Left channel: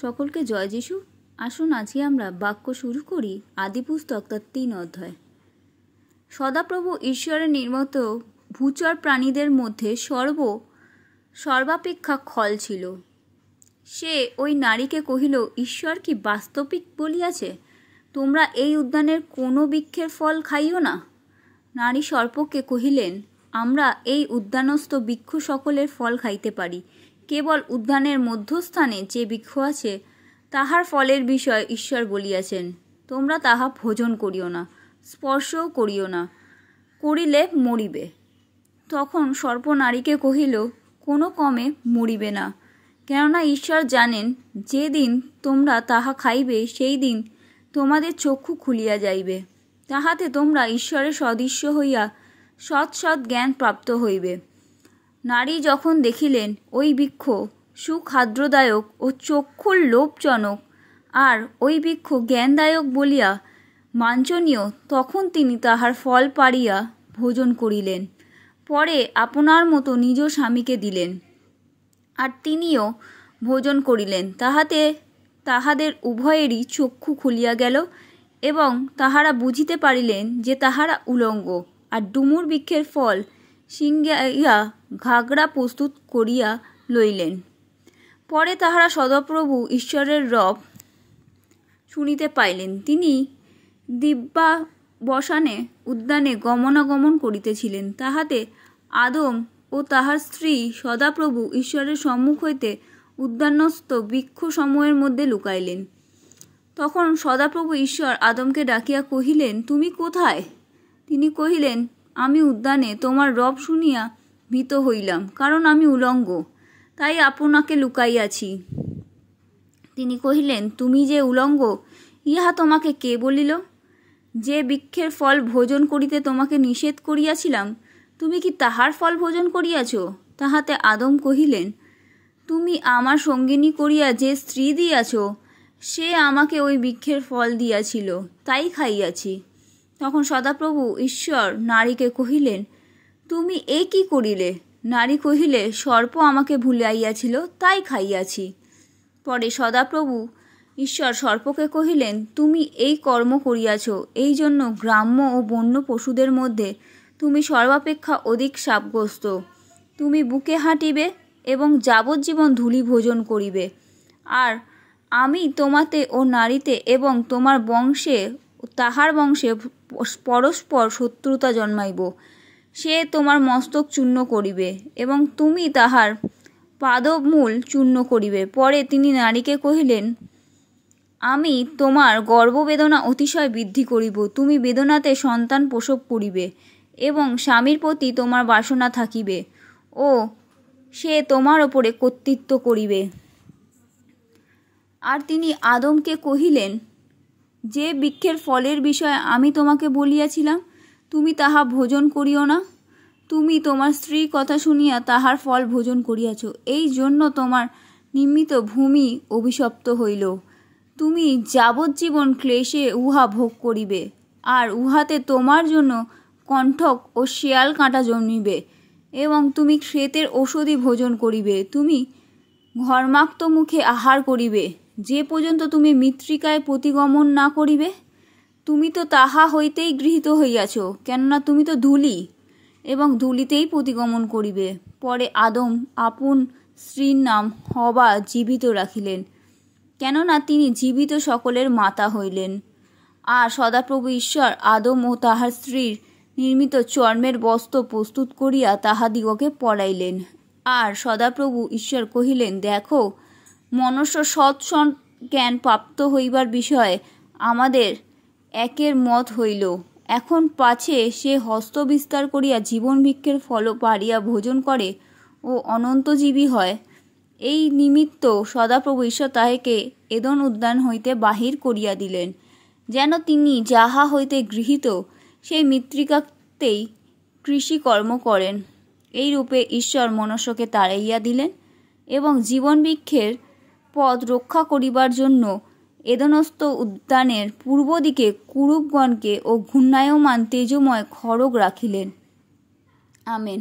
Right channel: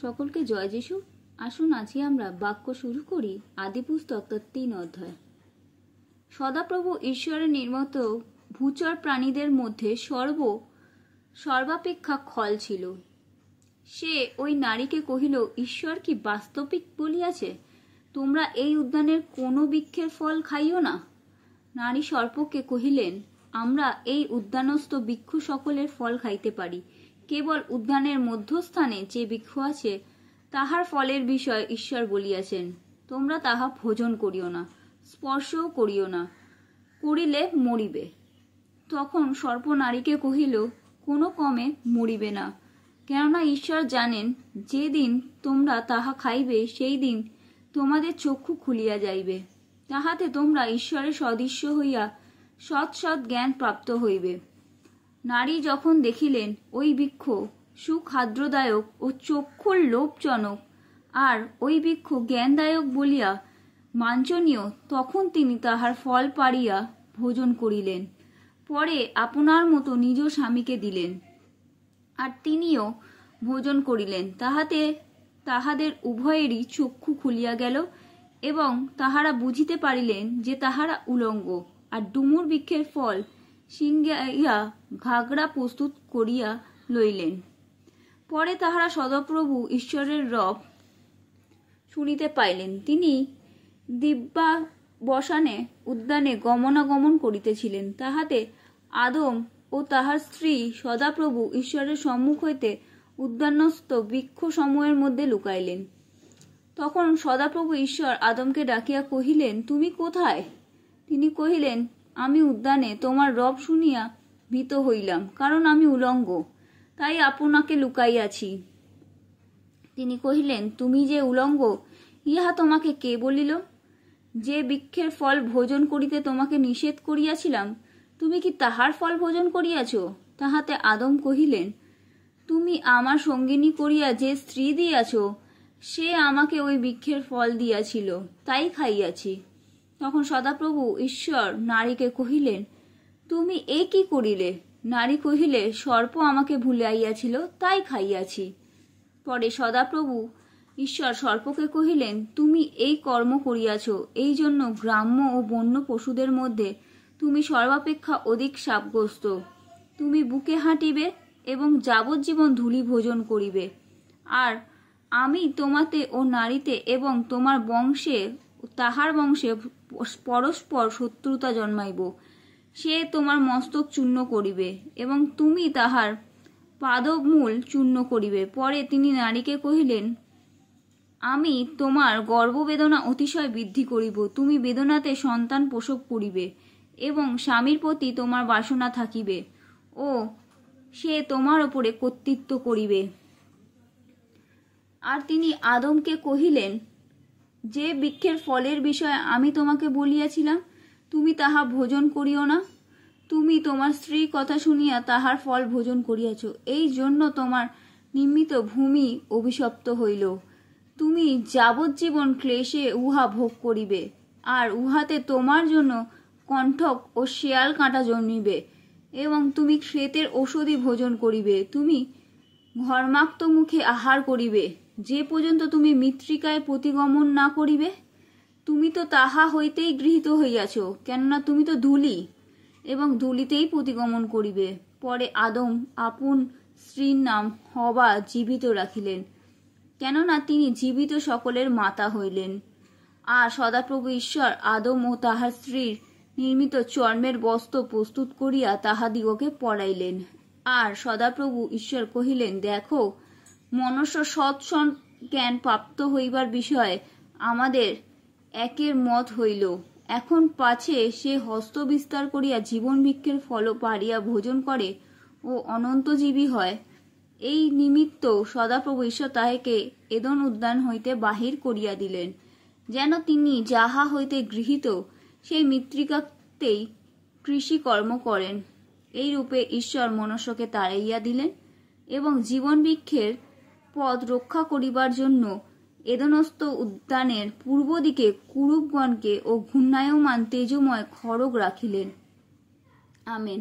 সকলকে জয় যিশু। আসুন আজকে আমরা বাক্য শুরু করি আদিপুস্তক তার 3 অধ্যায়। সদাপ্রভু ঈশ্বরের নির্মিত ভূচর প্রাণীদের মধ্যে সর্বাপেক্ষা খল ছিল। সে ওই নারীকে কহিল, ঈশ্বর কি বাস্তবিক বলিয়াছে, তোমরা এই উদ্যানের কোনো বৃক্ষের ফল খাইও না? নারী সর্পকে কহিলেন, আমরা এই উদ্যানস্থ বৃক্ষ সকলের ফল খাইতে পারি, কেবল উদ্যানের মধ্যস্থানে যে বৃক্ষ আছে তাহার ফলের বিষয় ঈশ্বর বলিয়াছেন, তোমরা তাহা ভোজন করিও না, স্পর্শও করিও না, করিলে মরিবে। তখন সর্প নারীকে কহিল, কোনো কমে মরিবে না, কেননা ঈশ্বর জানেন যে দিন তোমরা তাহা খাইবে সেই দিন তোমাদের চক্ষু খুলিয়া যাইবে, তাহাতে তোমরা ঈশ্বরের সদৃশ্য হইয়া সৎ সৎ জ্ঞান প্রাপ্ত হইবে। নারী যখন দেখিলেন ওই বৃক্ষ সুখাদ্যদায়ক ও চক্ষুর লোভজনক, আর ওই বৃক্ষ জ্ঞানদায়ক বলিয়া বাঞ্ছনীয়, তখন তিনি তাহার ফল পাড়িয়া ভোজন করিলেন। পরে আপনার মতো নিজ স্বামীকে দিলেন, আর তিনিও ভোজন করিলেন। তাহাতে তাহাদের উভয়েরই চক্ষু খুলিয়া গেল, এবং তাহারা বুঝিতে পারিলেন যে তাহারা উলঙ্গ, আর ডুমুর বৃক্ষের ফল সিঙ্গাইয়া ঘাগড়া প্রস্তুত করিয়া লইলেন। পরে তাহারা সদাপ্রভু ঈশ্বরের রব শুনিতে পাইলেন। তিনি দিব্যাবসানে উদ্যানে গমনাগমন করিতেছিলেন। তাহাতে আদম ও তাহার স্ত্রী সদাপ্রভু ঈশ্বরের সম্মুখ হইতে উদ্যানস্থ বৃক্ষ সমূহের মধ্যে লুকাইলেন। তখন সদাপ্রভু ঈশ্বর আদমকে ডাকিয়া কহিলেন, তুমি কোথায়? তিনি কহিলেন, আমি উদ্যানে তোমার রব শুনিয়া ভীত হইলাম, কারণ আমি উলঙ্গ, তাই আপনাকে লুকাইয়াছি। তিনি কহিলেন, তুমি যে উলঙ্গ, ইহা তোমাকে কে বলিল? যে বৃক্ষের ফল ভোজন করিতে তোমাকে নিষেধ করিয়াছিলাম, তুমি কি তাহার ফল ভোজন করিয়াছ? তাহাতে আদম কহিলেন, তুমি আমার সঙ্গিনী করিয়া যে স্ত্রী দিয়াছ, সে আমাকে ওই বৃক্ষের ফল দিয়াছিল, তাই খাইয়াছি। তখন সদাপ্রভু ঈশ্বর নারীকে কহিলেন, তুমি এ কি করিলে? নারী কহিলে, সর্প আমাকে ভুলাইয়াছিল, তাই খাইয়াছি। পরে সদাপ্রভু ঈশ্বর সর্পকে কহিলেন, তুমি এই কর্ম করিয়াছ, এই জন্য গ্রাম্য ও বন্য পশুদের মধ্যে তুমি সর্বাপেক্ষা অধিক শাপগ্রস্ত। তুমি বুকে হাঁটিবে এবং যাবজ্জীবন ধূলি ভোজন করিবে। আর আমি তোমাতে ও নারীতে এবং তোমার বংশে তাহার বংশে পরস্পর শত্রুতা জন্মাইব। সে তোমার মস্তক চূর্ণ করিবে এবং তুমি তাহার পাদমূল চূর্ণ করিবে। পরে তিনি নারীকে কহিলেন, আমি তোমার গর্ভবেদনা অতিশয় বৃদ্ধি করিব, তুমি বেদনাতে সন্তান প্রসব করিবে এবং স্বামীর প্রতি তোমার বাসনা থাকিবে, ও সে তোমার ওপরে কর্তৃত্ব করিবে। আর তিনি আদমকে কহিলেন, যে বৃক্ষের ফলের বিষয়ে আমি তোমাকে বলিয়াছিলাম, তুমি তাহা ভোজন করিও না, তুমি তোমার স্ত্রীর কথা শুনিয়া তাহার ফল ভোজন করিয়াছ, এই জন্য তোমার নিমিত্ত ভূমি অভিশপ্ত হইল। তুমি যাবজ্জীবন ক্লেশে উহা ভোগ করিবে, আর উহাতে তোমার জন্য কণ্টক ও শেয়াল কাঁটা জন্মিবে, এবং তুমি ক্ষেতের ঔষধি ভোজন করিবে। তুমি ঘর্মাক্ত মুখে আহার করিবে, যে পর্যন্ত তুমি মৃত্তিকায় প্রতিগমন না করিবে। তুমি তো তাহা হইতেই গৃহীত হইয়াছ, কেননা তুমি তো ধূলি, এবং ধূলিতেই প্রতিগমন করিবে। পরে আদম আপন স্ত্রীর নাম হবা জীবিত রাখিলেন, কেননা তিনি জীবিত সকলের মাতা হইলেন। আর সদাপ্রভু ঈশ্বর আদম ও তাহার স্ত্রীর নির্মিত চর্মের বস্ত্র প্রস্তুত করিয়া তাহাদিগকে পরাইলেন। আর সদাপ্রভু ঈশ্বর কহিলেন, দেখো, মনুষ্য সৎ জ্ঞান প্রাপ্ত হইবার বিষয়ে আমাদের একের মত হইল। এখন পাছে সে হস্ত বিস্তার করিয়া জীবন বৃক্ষের ফল পাড়িয়া ভোজন করে ও অনন্তজীবী হয়। এই নিমিত্ত সদাপ্রভু ঈশ্বর তাহাকে এদন উদ্যান হইতে বাহির করিয়া দিলেন, যেন তিনি যাহা হইতে গৃহীত সেই মৃত্তিকাতেই কৃষিকর্ম করেন। এই রূপে ঈশ্বর মনুষ্যকে তাড়াইয়া দিলেন, এবং জীবন বৃক্ষের পথ রক্ষা করিবার জন্য এদনস্থ উদ্যানের পূর্ব দিকে কুরুবগণকে ও ঘূর্ণায়মান তেজময় খড়গ রাখিলেন। আমেন।